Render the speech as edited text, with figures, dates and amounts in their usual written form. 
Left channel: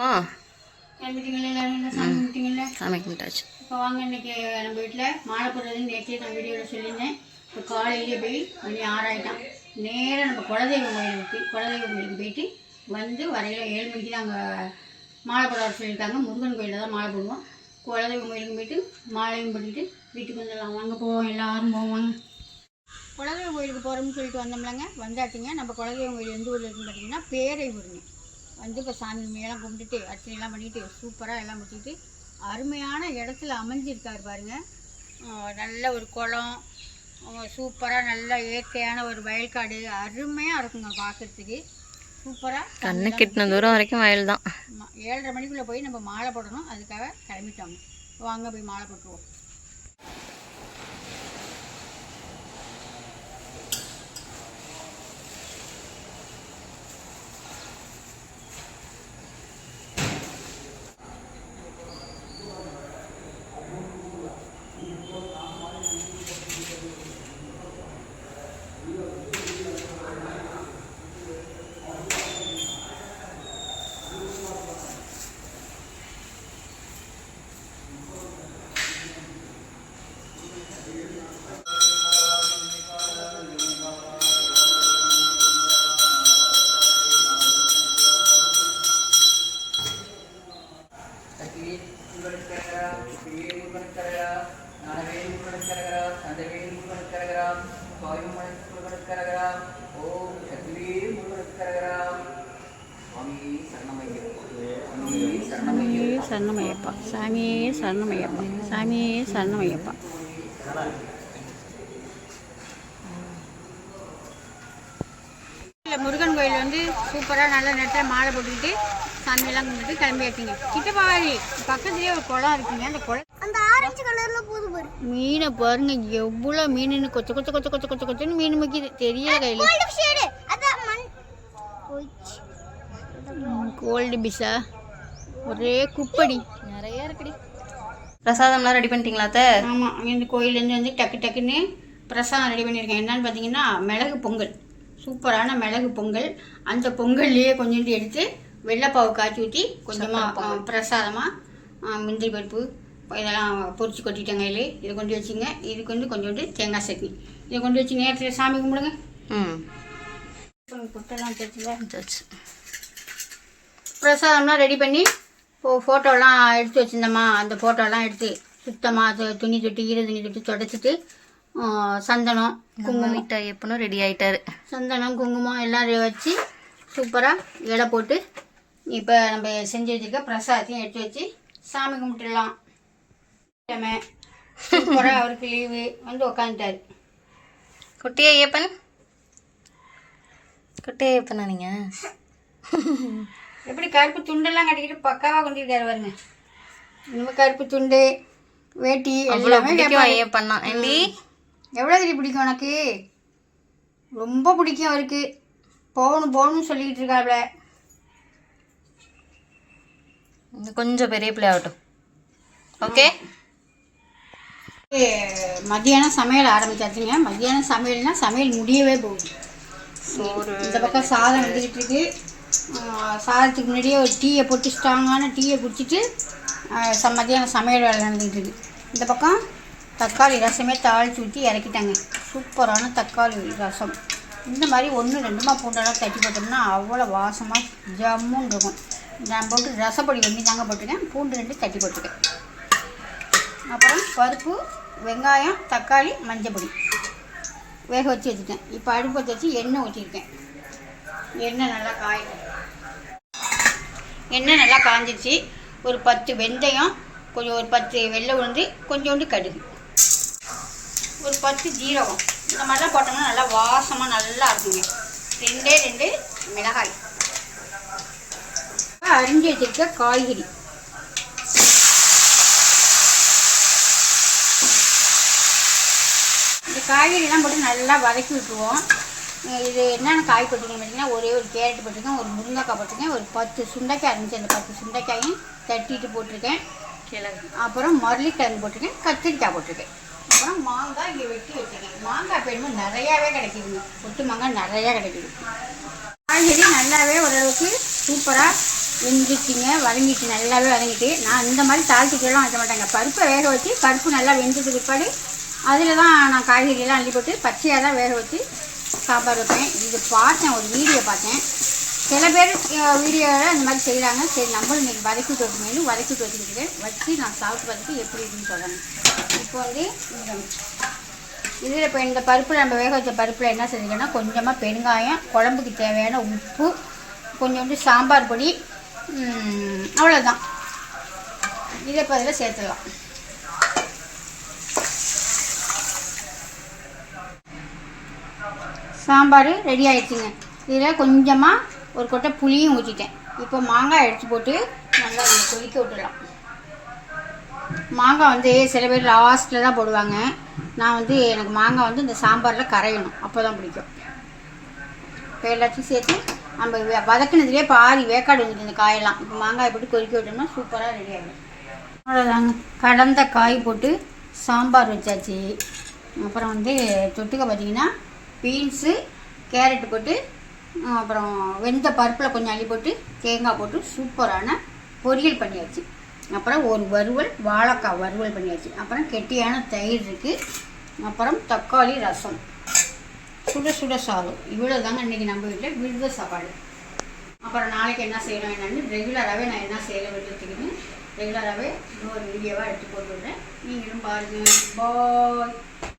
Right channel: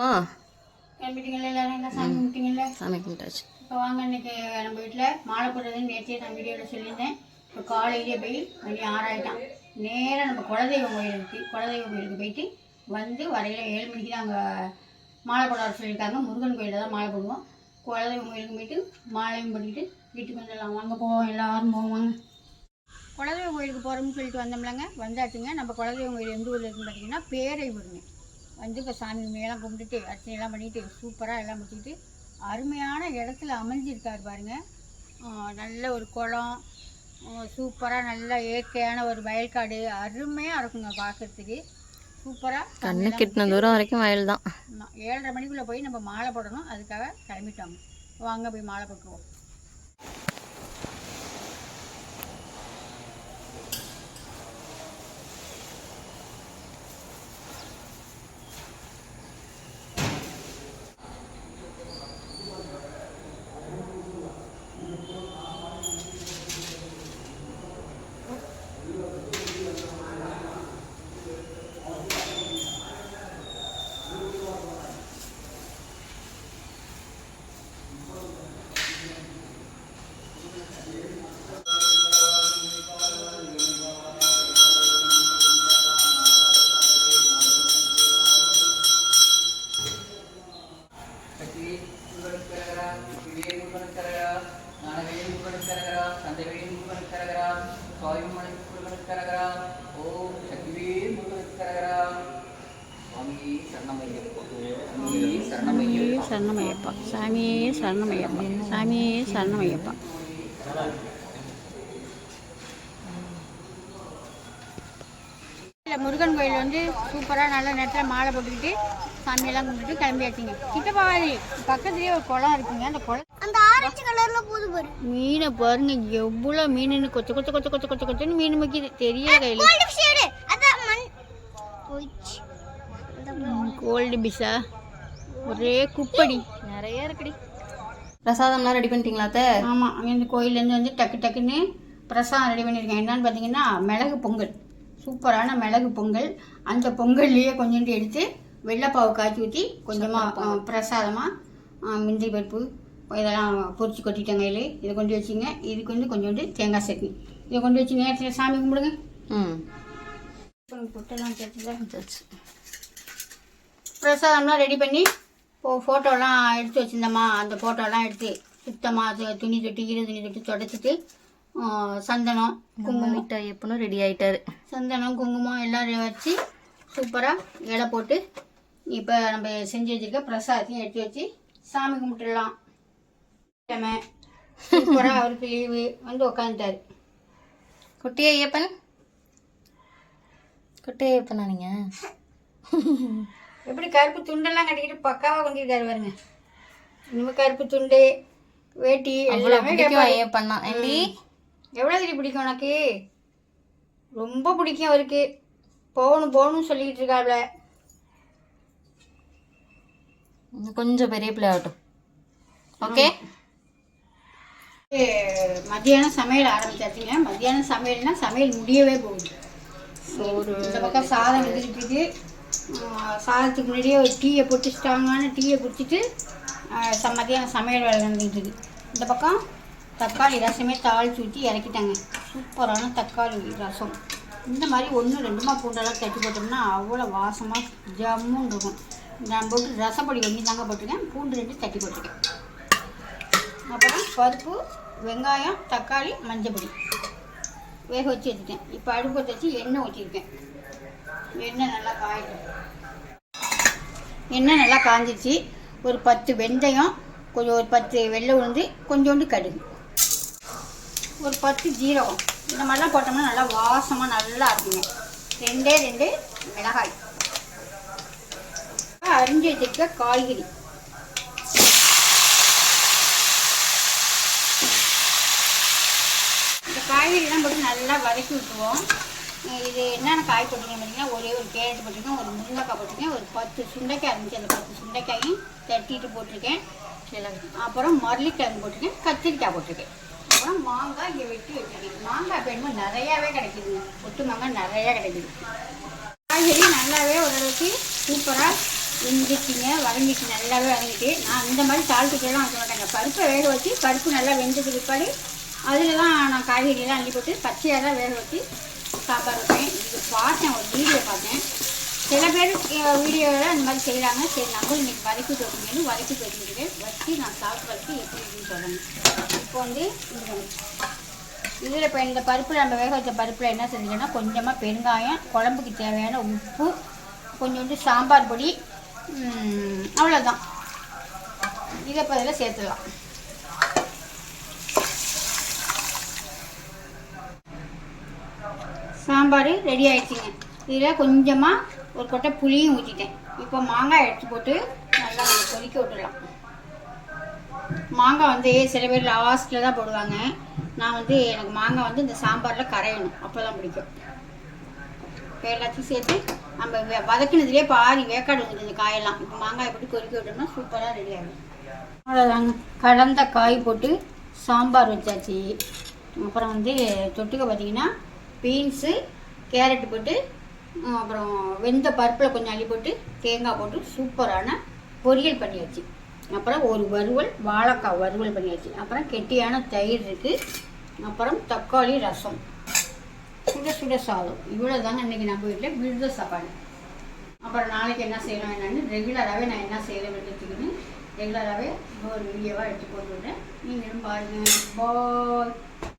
கிளம்பிட்டீங்களா? எல்லாரும் என்ன சாமி கும்பிட்டீங்களா? சாமி கும்பிட்டாச்சு. இப்போ வாங்க, இன்னைக்கு நம்ம வீட்டில் மாலை போடுறதுன்னு நேற்றே நான் வீடியோவில் சொல்லியிருந்தேன். இப்போ காலையிலேயே போய் மணி 6 ஆகிட்டான். நேராக நம்ம குலதெய்வம் கோயிலுக்கு போயிட்டு வந்து வரையில் 7 மணிக்கு தான் அங்கே மாலை போட வர சொல்லியிருக்காங்க. முருகன் கோயிலில் தான் மாலை போடுவோம். குலதெய்வம் கோயிலுக்கு போயிட்டு மாலையும் போட்டுட்டு வீட்டுக்கு வந்துடலாம். வாங்க போவோம், எல்லோரும் போவாங்க. குலதெய்வம் கோயிலுக்கு போகிறோம்னு சொல்லிட்டு வந்தோம்லங்க, வந்தாச்சுங்க. நம்ம குலதெய்வம் கோயில் எந்த ஊரில் இருக்குன்னு பார்த்தீங்கன்னா பேரையூருங்க. வந்து இப்போ சாமி மேலாம் கும்பிட்டுட்டு அர்ச்சனையெல்லாம் பண்ணிவிட்டு சூப்பராக எல்லாம் முடிச்சுட்டு அருமையான இடத்துல அமைஞ்சிருக்காரு பாருங்கள். நல்ல ஒரு குளம், சூப்பராக நல்ல இயற்கையான ஒரு வயல்காடு, அருமையாக இருக்குங்க பார்க்குறதுக்கு. சூப்பராக கண்ணு கிட்டின தூரம் வரைக்கும் வயல் தான். 7:30 மணிக்குள்ளே போய் நம்ம மாலை போடணும். அதுக்காக கிளம்பிட்டோம். வாங்க போய் மாலை போட்டுருவோம். சரணமையப்பா சாமியே, சரணமையப்பா சாமியே, சரணமையப்பா. முருகன் கோயில் வந்து சூப்பராக நல்ல நேரத்தில் மாலை போட்டுக்கிட்டு சாமியெல்லாம் கும்பிட்டு கிளம்பியாச்சுங்க. கிட்டப்பாடி பக்கத்துலேயே ஒரு குளம் இருக்குங்க. அந்த குளம் அந்த ஆரஞ்சு கலரில் போது பாரு, மீனை பாருங்க எவ்வளோ மீனுன்னு கொச்ச கொச்ச கொச்ச கொச்ச கொச்ச கொச்சன்னு மீன் முக்கிது தெரியல கையில். கோல்டு பிஸா ஒரே குப்படி நிறைய இருக்குடி. பிரசாதம்லாம் ரெடி பண்ணிட்டீங்களா அத்தை? ஆமாம், இந்த கோயிலேருந்து வந்து டக்கு டக்குன்னு பிரசாதம் ரெடி பண்ணியிருக்கேன். என்னன்னு பார்த்தீங்கன்னா மிளகு பொங்கல், சூப்பரான மிளகு பொங்கல். அந்த பொங்கல்லையே கொஞ்சோண்டு எடுத்து வெள்ளைப்பாவு காய்ச்சி ஊற்றி கொஞ்சமாக பிரசாதமாக முந்திரி பருப்பு இதெல்லாம் பொரிச்சு கொட்டிட்டேங்க. இதை கொண்டு வச்சுங்க. இதுக்கு வந்து கொஞ்சோண்டு தேங்காய் சட்னி இதை கொண்டு வச்சு நேரத்தில் சாமி கும்பிடுங்க. புட்டெல்லாம் வச்சு பிரசாதம்லாம் ரெடி பண்ணி ஃபோட்டோலாம் எடுத்து வச்சுருந்தோம்மா. அந்த ஃபோட்டோலாம் எடுத்து சுத்தமாக துணி தொட்டி ஈர துணி தொட்டி தொடச்சிட்டு சந்தனம் குங்குமம் வீட்டு ஐயப்பனும் ரெடி ஆகிட்டாரு. சந்தனம் குங்குமம் எல்லாம் வச்சு சூப்பராக இலை போட்டு இப்போ நம்ம செஞ்சு வச்சுருக்க பிரசாதத்தையும் எடுத்து வச்சு சாமி கும்பிட்டுடலாம். சூப்பராக அவருக்கு லீவு வந்து உக்காந்துட்டாரு. குட்டி ஐயப்பன், குட்டி ஐயப்பனா நீங்கள்? எப்படி கருப்பு துண்டெல்லாம் கட்டிக்கிட்டு பக்காவாக கொண்டிருக்காரு பாருங்க. இன்னும் கருப்பு துண்டு வேட்டி பிடிக்கும் ஐயப்பண்ணா. ஏண்டி எவ்வளோ திரி பிடிக்கும் உனக்கு? ரொம்ப பிடிக்கும் அவருக்கு. போகணும் போகணும்னு சொல்லிக்கிட்டு இருக்காப்ல. கொஞ்சம் பெரிய பிள்ளை ஆகட்டும். ஓகே, மத்தியானம் சமையல் ஆரம்பிச்சாச்சுங்க. மத்தியானம் சமையல்னா சமையல் முடியவே போகுது. இந்த பக்கம் சாதம் வந்துக்கிட்டு இருக்கு. சாதத்துக்கு முன்னாடியே ஒரு டீயை போட்டு ஸ்ட்ராங்கான டீயை குடிச்சிட்டு மத்தியானம் சமையல் வேலை நடந்துக்கிட்டு இருக்குது. இந்த பக்கம் தக்காளி ரசமே தாளித்து ஊற்றி இறக்கிட்டாங்க. சூப்பரான தக்காளி ரசம். இந்த மாதிரி 1-2 பூண்டெல்லாம் தட்டி போட்டோம்னா அவ்வளோ வாசமாக ஜம்முன்னு இருக்கும். நான் போட்டு ரசப்பொடி வந்து தாங்க போட்டிருக்கேன். பூண்டு 2 தட்டி போட்டிருக்கேன். அப்புறம் பருப்பு, வெங்காயம், தக்காளி, மஞ்சள் பொடி வேக வச்சு வச்சுருக்கேன். இப்போ அடுப்பை வச்சு எண்ணெய் ஊற்றிருக்கேன். எண்ணெய் நல்லா காயும். எண்ணெய் நல்லா காஞ்சிடுச்சு. ஒரு 10 வெந்தயம், கொஞ்சம் ஒரு 10 வெள்ளை உளுந்து, கொஞ்சோண்டு கடுகு, ஒரு 10 ஜீரகம். இந்த மாதிரிலாம் போட்டோம்னா நல்லா வாசமாக நல்லா இருக்குங்க. 2 மிளகாய், அரிஞ்சு வச்சிருக்க காய்கறி, இந்த காய்கறிலாம் போட்டு நல்லா வதக்கி விட்டுருவோம். இது என்னென்ன காய் போட்டிருக்கேன் பார்த்தீங்கன்னா, ஒரே ஒரு கேரட் போட்டிருக்கேன், ஒரு முருங்கைக்காய் போட்டிருக்கேன், ஒரு 10 சுண்டைக்காய் இருந்துச்சு. அந்த 10 சுண்டைக்காயும் தட்டிட்டு போட்டிருக்கேன். அப்புறம் மரளிக்கிழங்கு போட்டிருக்கேன், கத்திரிக்காய் போட்டிருக்கேன். அப்புறம் மாங்காய் இங்கே வெட்டி வச்சுருக்கேன். மாங்காய் பெண்ணும் நிறையாவே கிடைக்குதுங்க. ஒட்டு மாங்காய் நிறையா கிடைக்குது. காய்கறி நல்லாவே ஓரளவுக்கு சூப்பராக வெந்துச்சிங்க, வதங்கிட்டு நல்லாவே வதங்கிட்டு. நான் இந்த மாதிரி தாளிச்சிக்கலாம் வைக்க மாட்டேங்க. பருப்பை வேக வச்சு பருப்பு நல்லா வெந்ததுக்கு பிற்பாடு அதில் தான் நான் காய்கறியெல்லாம் அள்ளி போட்டு பச்சையாக தான் வேக வச்சு சாம்பார் வைப்பேன். இது பார்த்தேன், ஒரு வீடியோ பார்த்தேன். சில பேர் வீடியோவில் இந்த மாதிரி செய்கிறாங்க. சரி நம்மளும் இன்றைக்கி வதக்கிட்டு வைக்கணும், வதக்கிட்டு வச்சுக்கிட்டு வச்சு நான் சாப்பிட்றதுக்கு எப்படி இருக்குன்னு சொல்லணும். இப்போ வந்து இதில் இப்போ இந்த பருப்பில் நம்ம வேக வச்ச பருப்பில் என்ன செஞ்சுக்கன்னா கொஞ்சமாக பெருங்காயம், குழம்புக்கு தேவையான உப்பு, கொஞ்சோண்டு சாம்பார் பொடி, அவ்வளோதான். இதை இப்போ இதில் சேர்த்துக்கலாம். சாம்பார் ரெடி ஆகிடுச்சிங்க. இதில் கொஞ்சமாக ஒரு கொட்டை புளியும் ஊற்றிட்டேன். இப்போ மாங்காய் எடுத்து போட்டு நல்லா கொதிக்க விட்டுடலாம். மாங்காய் வந்து சில பேர் லாஸ்ட்டில் தான் போடுவாங்க. நான் வந்து எனக்கு மாங்காய் வந்து இந்த சாம்பாரில் கரையணும், அப்போ தான் பிடிக்கும். இப்போ எல்லாத்தையும் சேர்த்து நம்ம வதக்கினதுலேயே பாதி வேக்காடு வந்துட்டு இந்த காயெல்லாம். இப்போ மாங்காய் போட்டு கொதிக்க விட்டோம்னா சூப்பராக ரெடி ஆகும். அவ்வளோதாங்க, கடந்த காய் போட்டு சாம்பார் வச்சாச்சு. அப்புறம் வந்து தொட்டுக்க பார்த்திங்கன்னா பீன்ஸு, கேரட்டு போட்டு, அப்புறம் வெந்த பருப்பில் கொஞ்சம் அள்ளி போட்டு தேங்காய் போட்டு சூப்பரான பொரியல் பண்ணியாச்சு. அப்புறம் ஒரு வறுவல், வாழைக்காய் வறுவல் பண்ணியாச்சு. அப்புறம் கெட்டியான தயிர் இருக்குது. அப்புறம் தக்காளி ரசம், சுட சுட சாதம். இவ்வளோ தாங்க இன்றைக்கி நம்ம வீட்டில் விருத சாப்பாடு. அப்புறம் நாளைக்கு என்ன செய்யணும் என்னென்னு ரெகுலராகவே நான் என்ன செய்யலை விடுறதுக்குன்னு ரெகுலராகவே இன்னொரு வீடியோவாக எடுத்து போட்டு விட்றேன். நீங்களும் பாருங்கள். பாய்.